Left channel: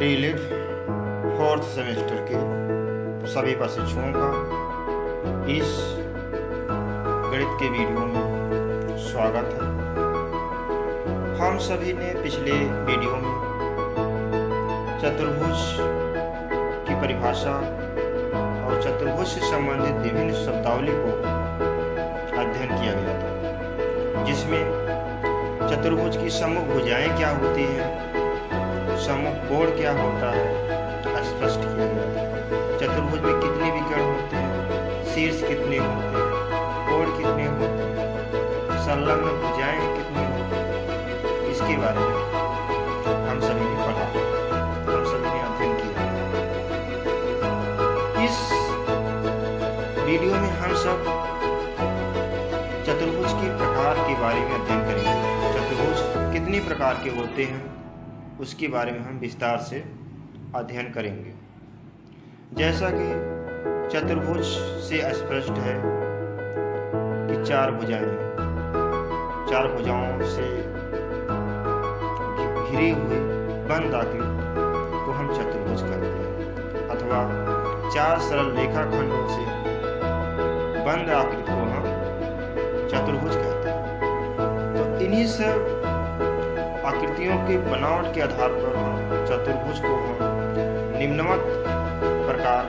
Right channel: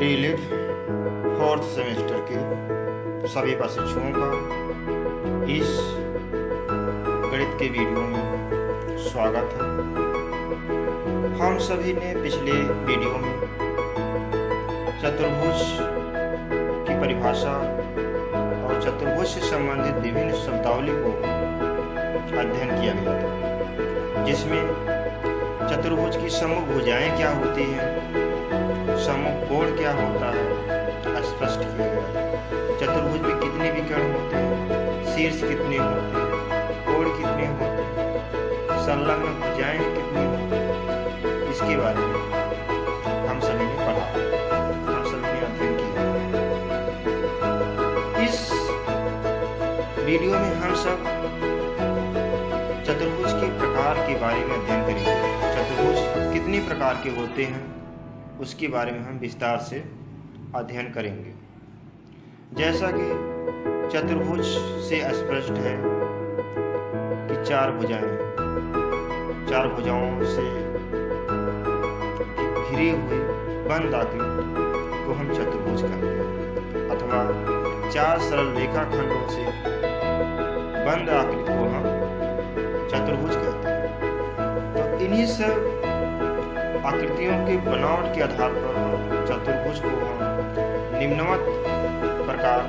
DLitt fourth semester के सभी प्रशिक्षुओं का इस गणित के वीडियो में स्वागत है। हम सभी ने पिछले वीडियो में चतुर्भुज की परिभाषा और चतुर्भुज से संबंधित विभिन्न शब्दावली को अध्ययन किया गया था, जिसमें चतुर्भुज की सम्मुख भुजाएं क्या होती हैं, सम्मुख कोण क्या होता है स्पष्ट किया गया था। चतुर्भुज में कितने विकर्ण होते हैं, शीर्ष कितने होते हैं, कोण कितने होते हैं, संलग्न भुजाएं कितनी होती हैं, इसके बारे में हम सभी ने पढ़ा, हम सभी ने अध्ययन किया। इस वीडियो में हम सब चतुर्भुज के प्रकार के बारे में अध्ययन करेंगे। चतुर्भुज कितने प्रकार के होते हैं उसके बारे में हम विस्तार से अध्ययन करेंगे। जैसा कि चतुर्भुज से स्पष्ट है कि चार भुजाएं हैं, चार भुजाओं से घिरे हुए बंद आकृति को हम चतुर्भुज कहते हैं, अथवा चार सरल रेखाखंडों से बंद आकृति को हम चतुर्भुज कहते हैं। तो इन्हीं सब आकृतियों के बनावट के आधार पर हम चतुर्भुज को हम निम्नवत प्रकार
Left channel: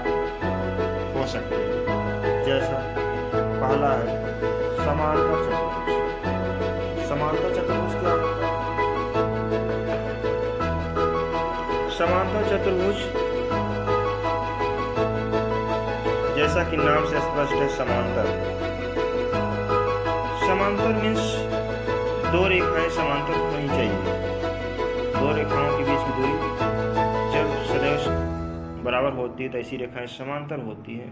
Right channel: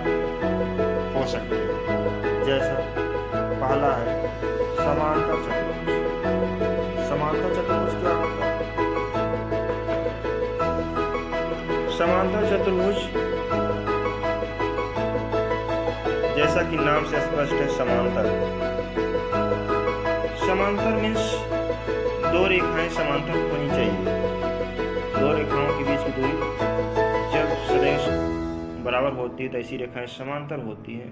हो सकते हैं। जैसा पहला है समांतर चतुर्भुज। समांतर चतुर्भुज क्या होता है? समांतर चतुर्भुज जैसा कि नाम से स्पष्ट है, समांतर। समांतर मीन्स दो रेखाएं समांतर होनी चाहिए। दो रेखाओं के बीच की दूरी जब सदैव बराबर होती है तो ऐसी रेखाएं समांतर होती हैं,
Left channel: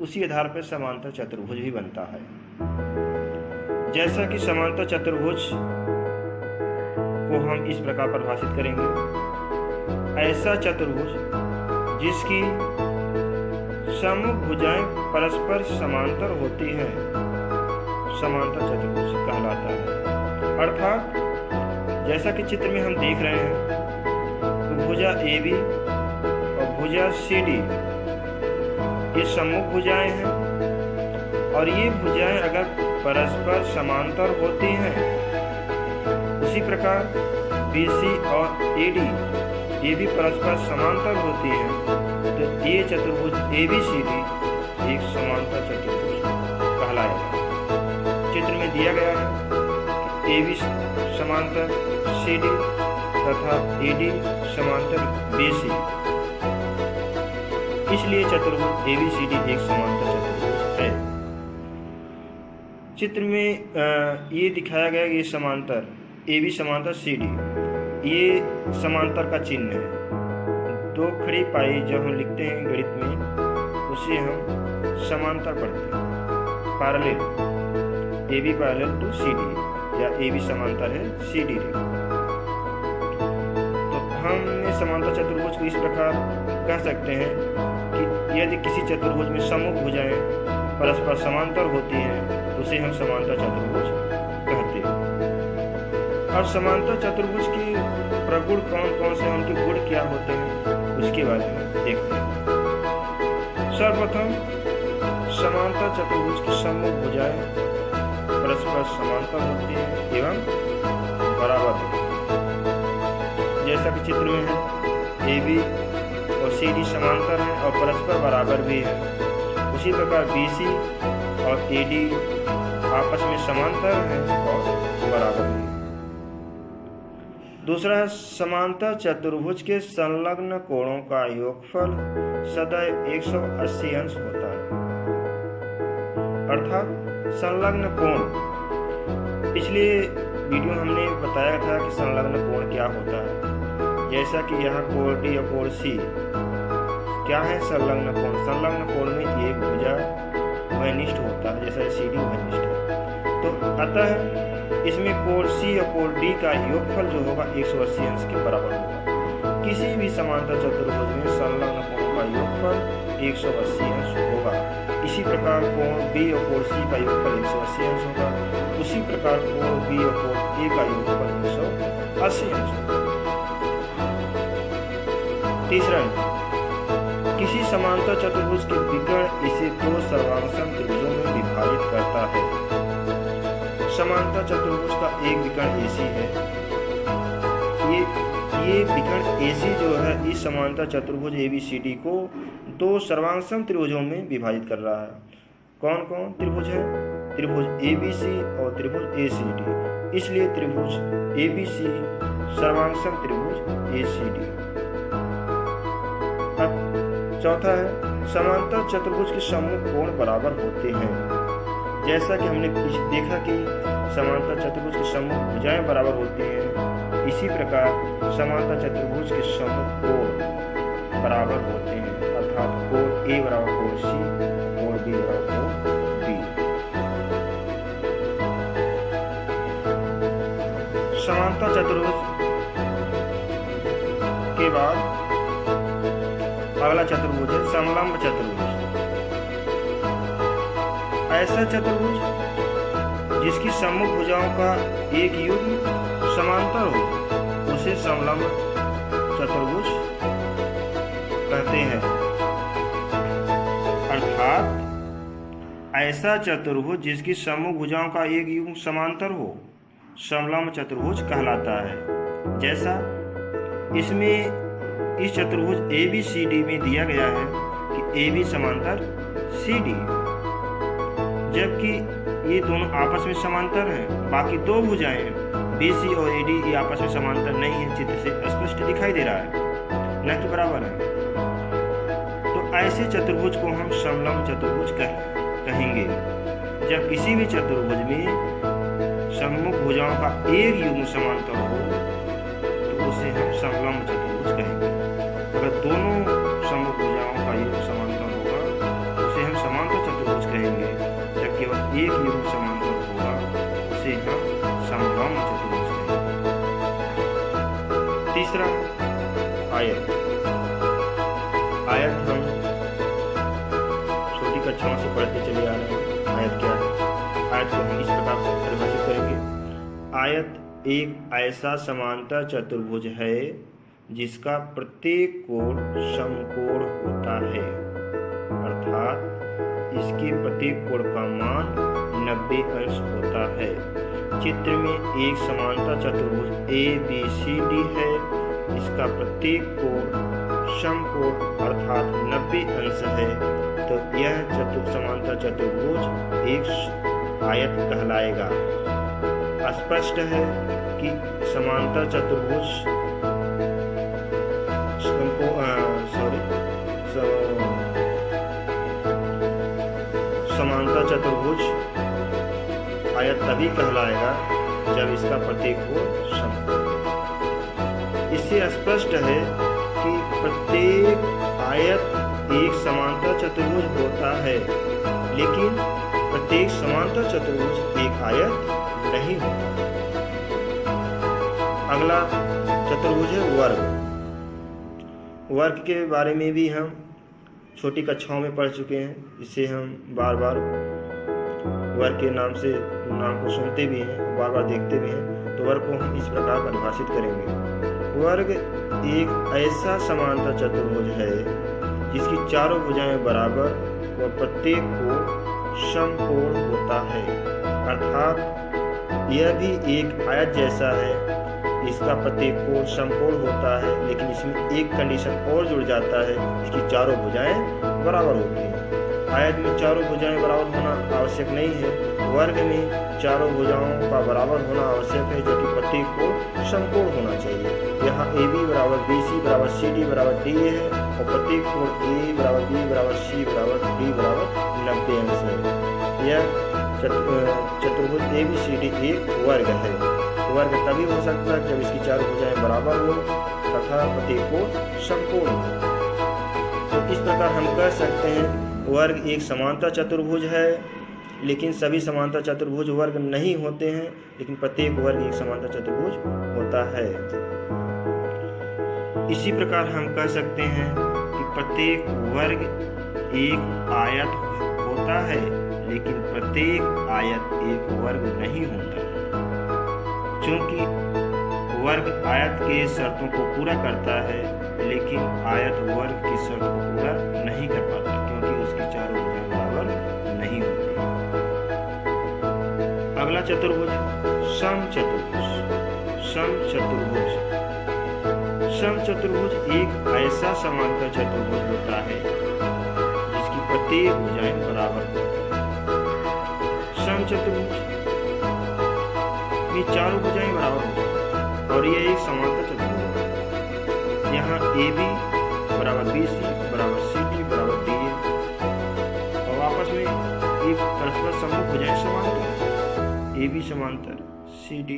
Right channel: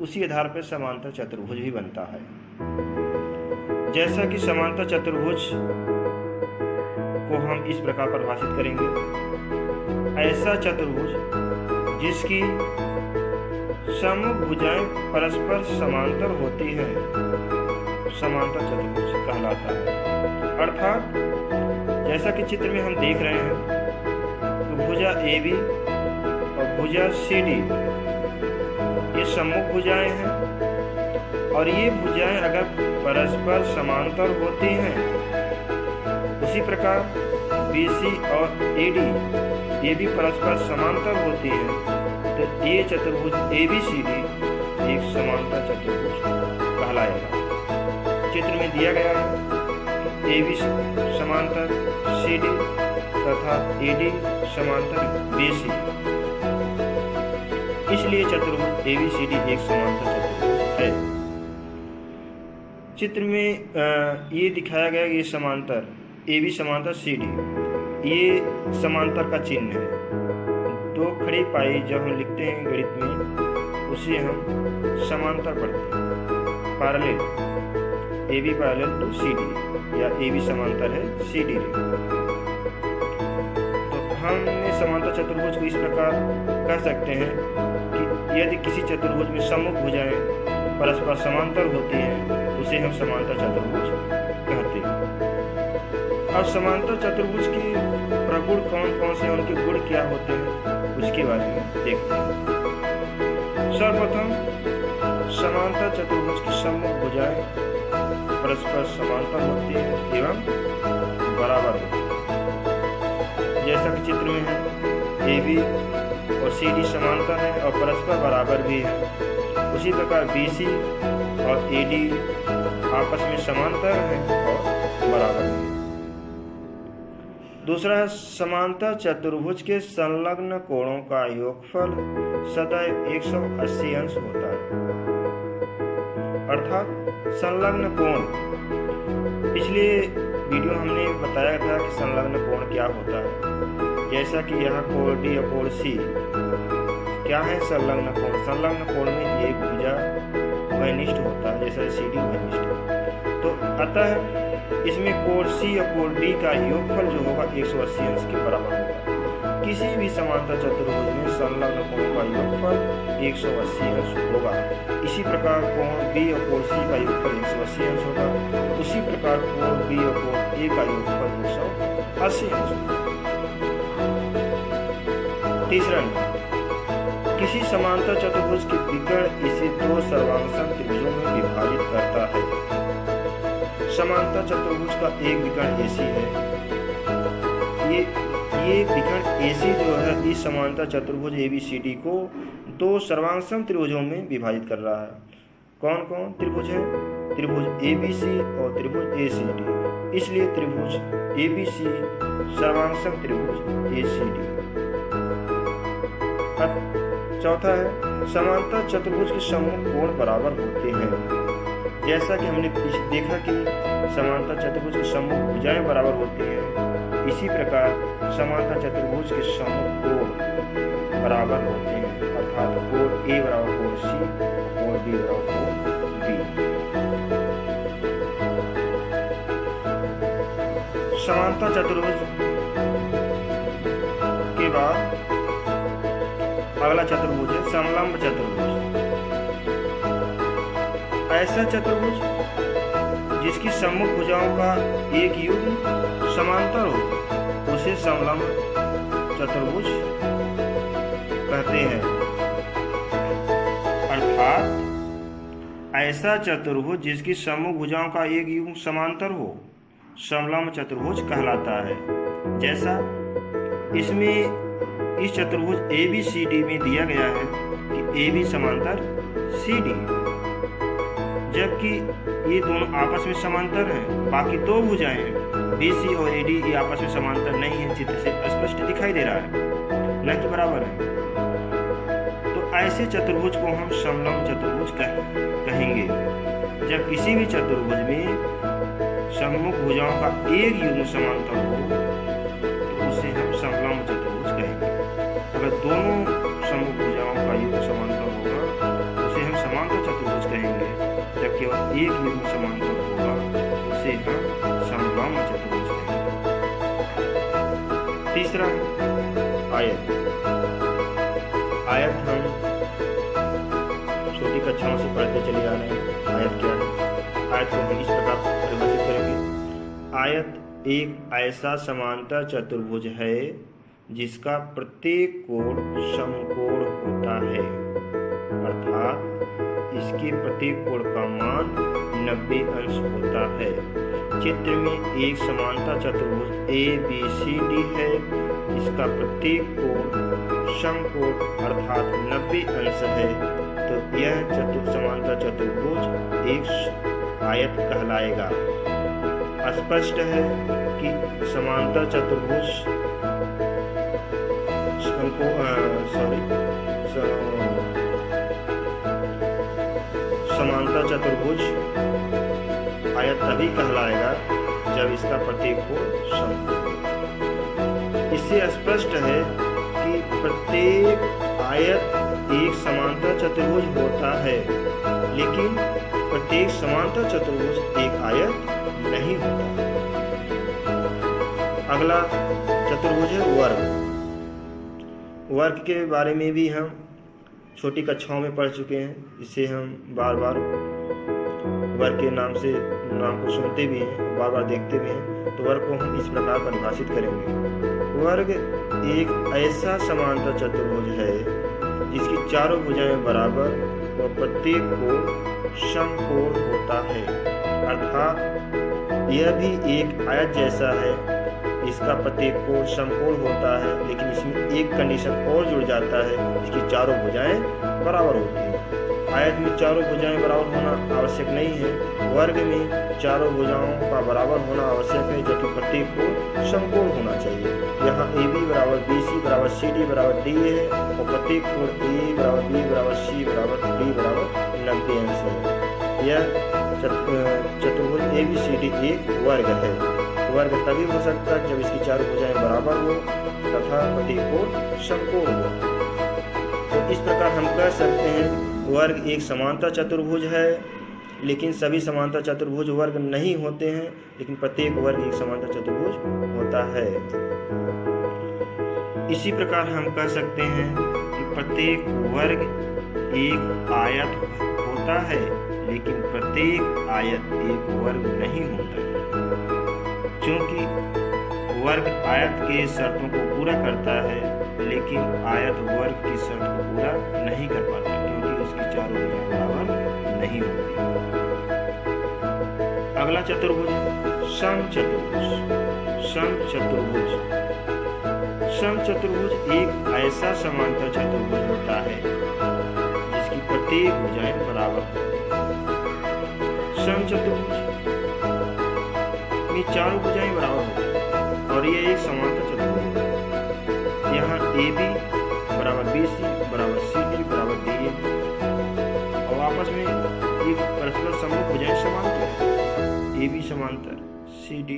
उसी आधार पर समांतर चतुर्भुज भी बनता है। जैसा कि समांतर चतुर्भुज को हम इस प्रकार परिभाषित करेंगे, ऐसा चतुर्भुज जिसकी सम्मुख भुजाएं परस्पर समांतर होती हैं समांतर चतुर्भुज कहलाता है। अर्थात जैसा कि चित्र में हम देख रहे हैं तो भुजा AB और भुजा CD ये सम्मुख भुजाएं हैं, और ये भुजाएं अगर परस्पर समांतर होती हैं, उसी प्रकार BC और AD ये भी परस्पर समांतर होती हैं, तो ये चतुर्भुज ABCD एक समांतर चतुर्भुज कहलाएगा। चित्र में दिया गया है कि AB समांतर CD तथा AD समांतर BC, इसलिए चतुर्भुज ABCD एक समांतर चतुर्भुज है। चित्र में ये दिखाया गया कि ये समांतर AB समांतर CD, ये समांतर का चिन्ह है। दो खड़ी पाई जब हम लिखते हैं गणित में, उसे हम समांतर पढ़ते हैं, parallel, AB parallel to CD, या AB समांतर है CD रे। तो हमने समांतर चतुर्भुज को इस प्रकार कह सकते हैं कि यदि किसी चतुर्भुज में सम्मुख भुजाएं परस्पर समांतर होती हैं तो उसे हम समांतर चतुर्भुज कहते हैं। अब समांतर चतुर्भुज के प्रगुण कौन कौन से, उनके गुण क्या होते हैं, उसके बारे में देखते हैं। सर्वप्रथम समांतर चतुर्भुज की सम्मुख भुजाएं परस्पर समांतर होती हैं एवं बराबर होती हैं। जैसा कि चित्र में है, AB और CD समांतर हैं और परस्पर बराबर भी हैं। उसी प्रकार BC और AD आपस में समांतर हैं और बराबर भी हैं। दूसरा है समांतर चतुर्भुज के संलग्न कोणों का योगफल सदैव 180 अंश होता है। अर्थात संलग्न कोण, पिछले वीडियो हमने बताया था कि संलग्न कोण क्या होता है। जैसा कि यहाँ कोण D और कोण C क्या है संलग्न कोण। संलग्न कोण में एक भुजा वनिष्ठ होता है, जैसा CD वनिष्ठ है। तो अतः इसमें कोण C और कोण D का योगफल जो होगा 180 अंश के बराबर होगा। किसी भी समांतर चतुर्भुज में संलग्न कोणों का योगफल 180 अंश होगा। इसी प्रकार कोण B और कोण C का योगफल 180 अंश होगा। उसी प्रकार कोण B और कोण A का योगफल 180 अंश होगा। तीसरा नियम, किसी समांतर चतुर्भुज के विकर्ण इसे दो सर्वांगसम त्रिभुजों में विभाजित करता है। समांतर चतुर्भुज का एक विकर्ण AC है। ये विकर्ण AC जो है इस समांतर चतुर्भुज ABCD को दो सर्वांगसम त्रिभुजों में विभाजित कर रहा है। कौन कौन त्रिभुज है? त्रिभुज ABC और त्रिभुज ACD। इसलिए त्रिभुज ABC सर्वांगसम त्रिभुज ACD। अब चौथा है, समांतर चतुर्भुज के सम्मुख कोण बराबर होते हैं। जैसा कि हमने देखा कि समांतर चतुर्भुज के सम्मुख भुजाएं बराबर होती हैं, इसी प्रकार समांतर चतुर्भुज के सम्मुख कोण बराबर होते हैं, अर्थात कोण A बराबर कोण C और कोण B बराबर कोण B। समांतर चतुर्भुज के बाद अगला चतुर्भुज है समलंब चतुर्भुज। ऐसा चतुर्भुज जिसकी सम्मुख भुजाओं का एक युग्म समांतर हो उसे समलंब चतुर्भुज कहते हैं। अर्थात ऐसा चतुर्भुज जिसकी सम्मुख भुजाओं का एक युग्म समांतर हो समलंब चतुर्भुज कहलाता है। जैसा इसमें इस चतुर्भुज ABCD में दिया गया है कि AB समांतर CD, जबकि ये दोनों आपस में समांतर हैं। बाकी दो भुजाएं BC और AD ये आपस में समांतर नहीं है, चित्र से स्पष्ट दिखाई दे रहा है, न कि बराबर है। तो ऐसे चतुर्भुज को हम समलंब चतुर्भुज कहेंगे। जब किसी भी चतुर्भुज में सम्मुख भुजाओं का एक युग्म समांतर हो तो उसे हम समलंब चतुर्भुज कहेंगे। अगर दोनों सम्मुख भुजाओं का युग्म समांतर होगा उसे हम समांतर चतुर्भुज कहेंगे। जब केवल एक युग्म समांतर होगा उसे हम समलंब चतुर्भुज कहेंगे। तीसरा, आयत। आयत हम छोटी कक्षाओं से पढ़ते चले आ रहे हैं। आयत क्या है? आयत को हम इस प्रकार परिभाषित करेंगे। आयत एक ऐसा समांतर चतुर्भुज है जिसका प्रत्येक कोण समकोण होता है, अर्थात इसके प्रत्येक कोण का मान 90 अंश होता है। चित्र में एक समांतर चतुर्भुज ABCD है, इसका प्रत्येक कोण समकोण अर्थात 90 अंश है, तो यह समांतर चतुर्भुज एक आयत कहलाएगा। स्पष्ट है कि समांतर चतुर्भुज समांतर चतुर्भुज आयत तभी कहलाएगा जब इसका प्रत्येक कोण समकोण हो। इससे स्पष्ट है कि प्रत्येक आयत एक समांतर चतुर्भुज होता है, लेकिन प्रत्येक समांतर चतुर्भुज एक आयत नहीं होता। अगला चतुर्भुज है वर्ग। वर्ग के बारे में भी हम छोटी कक्षाओं में पढ़ चुके हैं। इसे हम बार बार वर्ग के नाम को सुनते भी हैं, बार बार देखते भी हैं। तो वर्ग को हम इस प्रकार परिभाषित करेंगे। वर्ग एक ऐसा समांतर चतुर्भुज है जिसकी चारों भुजाएं बराबर व प्रत्येक कोण समकोण होता है, अर्थात यह भी एक आयत जैसा है। इसका प्रत्येक कोण समकोण होता है, लेकिन इसमें एक कंडीशन और जुड़ जाता है, इसकी चारों भुजाएं बराबर होती हैं। आयत में चारों भुजाएं बराबर होना आवश्यक नहीं है, वर्ग में चारों भुजाओं का बराबर होना आवश्यक है, जबकि प्रत्येक कोण समकोण होना चाहिए। यहाँ AB बराबर BC बराबर CD बराबर DA है और प्रत्येक कोण A बराबर B बराबर C बराबर D बराबर 90 अंश है। यह चतुर्भुज ABCD एक वर्ग है। वर्ग तभी हो सकता है जब इसकी चारों भुजाएं बराबर हो तथा प्रत्येक कोण समकोण हो। तो इस प्रकार हम कह सकते हैं वर्ग एक समांतर चतुर्भुज है, लेकिन सभी समांतर चतुर्भुज वर्ग नहीं होते हैं, लेकिन प्रत्येक वर्ग एक समांतर चतुर्भुज होता है। इसी प्रकार हम कह सकते हैं कि प्रत्येक वर्ग एक आयत होता है, लेकिन प्रत्येक आयत एक वर्ग नहीं होता, क्योंकि वर्ग आयत के शर्तों को पूरा करता है, लेकिन आयत वर्ग की शर्त को पूरा नहीं कर पाता, क्योंकि उसकी चारों भुजाएं बराबर नहीं होती। अगला चतुर्भुज समचतुर्भुज। समचतुर्भुज समचतुर्भुज एक ऐसा समांतर चतुर्भुज होता है जिसकी प्रत्येक भुजाएं बराबर होती है। समचतुर्भुज में चारों भुजाएं बराबर होती है और यह एक समांतर चतुर्भुज होता है। यहाँ AB बराबर BC बराबर CD बराबर DA और आपस में एक परस्पर सम्मुख भुजाएं समांतर है। AB समांतर CD,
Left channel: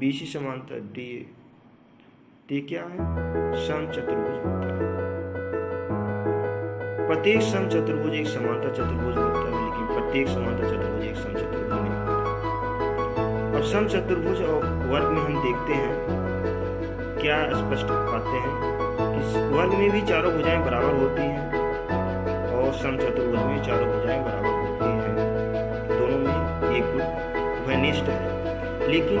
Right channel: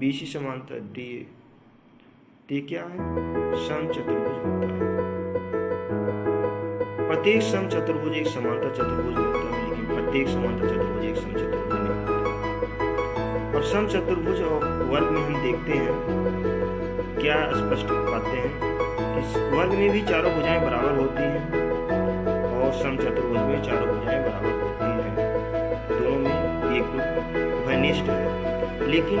BC समांतर DA। ये क्या है? समचतुर्भुज होता है। प्रत्येक समचतुर्भुज एक समांतर चतुर्भुज होता है, लेकिन प्रत्येक समांतर चतुर्भुज एक समचतुर्भुज नहीं होता। और समचतुर्भुज और वर्ग में हम देखते हैं क्या स्पष्ट पाते हैं कि वर्ग में भी चारों भुजाएं बराबर होती हैं और समचतुर्भुज में चारों भुजाएं बराबर होती हैं। दोनों में एक गुण उभयनिष्ठ है, लेकिन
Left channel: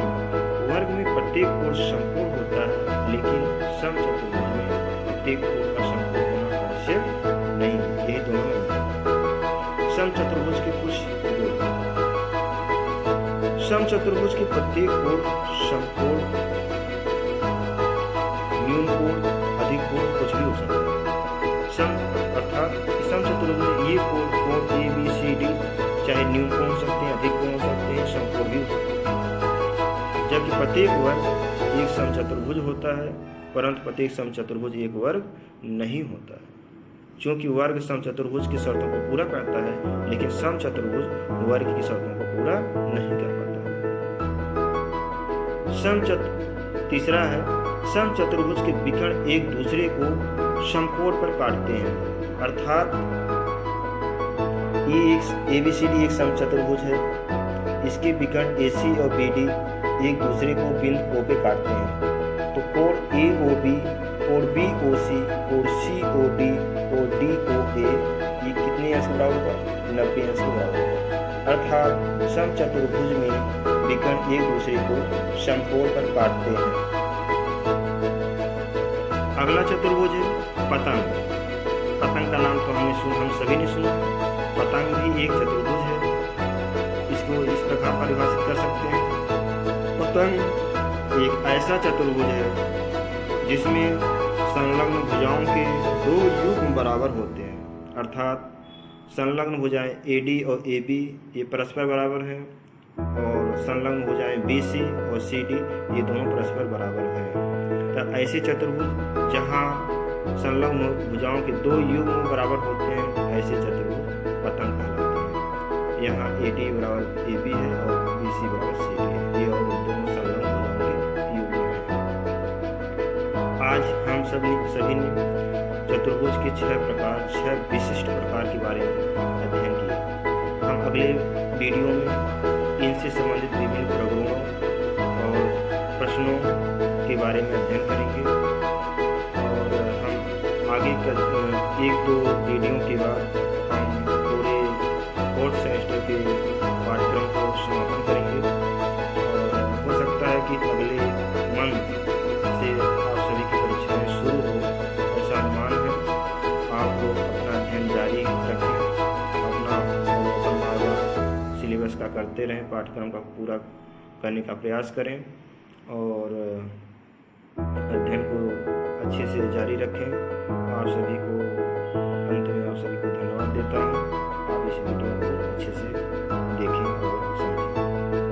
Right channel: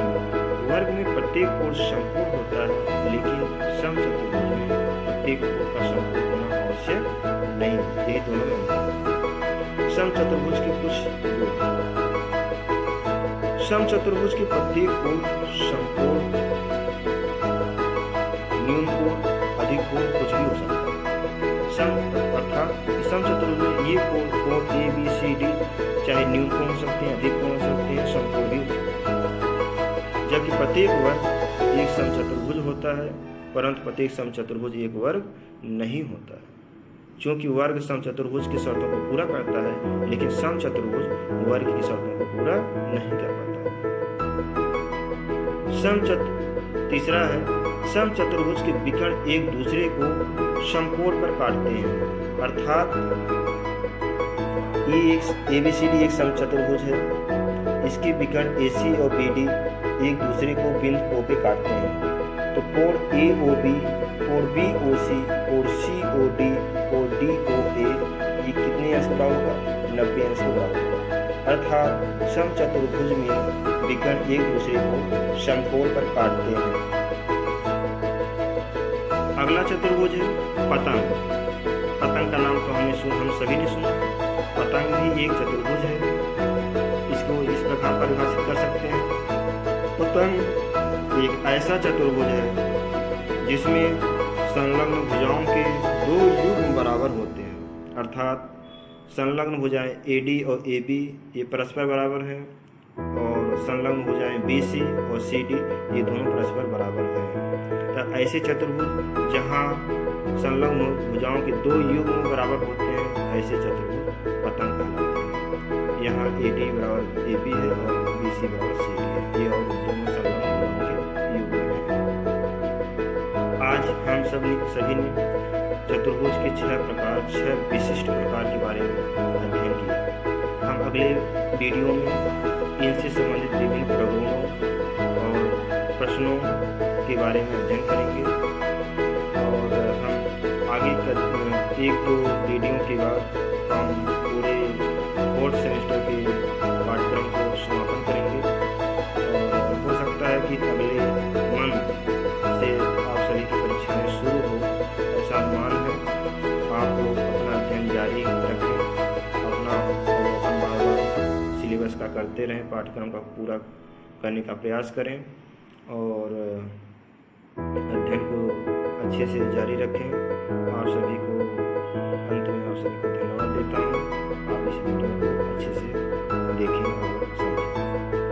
वर्ग में प्रत्येक कोण समकोण होता है, लेकिन समचतुर्भुज में प्रत्येक कोण का समकोण होना आवश्यक नहीं। यही दोनों में अंतर। समचतुर्भुज के कुछ गुण। समचतुर्भुज के प्रत्येक कोण समकोण, न्यून कोण, अधिक कोण कुछ भी हो सकता है। अर्थात समचतुर्भुज में ये कोण A B C D चाहे न्यून कोण हो सकते हैं, अधिक कोण हो सकते हैं, समकोण भी हो सकते हैं। जबकि प्रत्येक वर्ग एक समचतुर्भुज होता है, परंतु प्रत्येक समचतुर्भुज एक वर्ग नहीं होता है। क्योंकि वर्ग समचतुर्भुज की शर्तों को पूरा करता है, लेकिन समचतुर्भुज वर्ग की शर्तों को पूरा नहीं कर पाता। तीसरा है समचतुर्भुज के विकर्ण एक दूसरे को समकोण पर काटते हैं। अर्थात ये ABCD एक समचतुर्भुज है, इसके विकर्ण AC और BD एक दूसरे को बिंदु O पे काटते हैं। तो कोण AOB, कोण BOC, कोण COD, कोण DOA ये कितने अंश के बराबर होगा? 90 अंश के बराबर होगा। अर्थात समचतुर्भुज में विकर्ण एक दूसरे को समकोण पर काटते हैं। अगला चतुर्भुज है पतंग। पतंग का नाम तो हम सभी ने सुना। पतंग भी एक चतुर्भुज है। इसको इस प्रकार परिभाषित कर सकते हैं। पतंग एक ऐसा चतुर्भुज है जिसमें संलग्न भुजाओं के दो युग्म बराबर होते हैं। अर्थात संलग्न भुजाएं AD और AB ये परस्पर बराबर हैं और संलग्न भुजाएं BC और CD ये दोनों परस्पर बराबर हैं। तो ऐसे चतुर्भुज जहाँ संलग्न भुजाओं के दो युग्म बराबर होते हैं, ऐसे चतुर्भुज पतंग कहलाते हैं। यहाँ AD बराबर AB है और BC बराबर CD है। ये और दोनों संलग्न भुजाओं के युग्म हैं। आज हम सभी ने चतुर्भुज के 6 विशिष्ट प्रकार के बारे में अध्ययन किया। हम अगले वीडियो में इनसे संबंधित विभिन्न प्रगुणों और प्रश्नों के बारे में अध्ययन करेंगे और हम आगे 1-2 वीडियो के बाद हम पूरे 4th सेमेस्टर के पाठ्यक्रम को समापन करेंगे और हो सकता है कि अगले मंथ से आप सभी की परीक्षाएं शुरू हो, ऐसा अनुमान है। आप लोग अपना अध्ययन जारी रखें, अपना अवलोकन बार सिलेबस का करते रहें, पाठ्यक्रम का पूरा करने का प्रयास करें और अध्ययन को अच्छे से जारी रखें। आप सभी को अंत में आप सभी को धन्यवाद देता हूँ। आप इस वीडियो को अच्छे से देखें और समझें।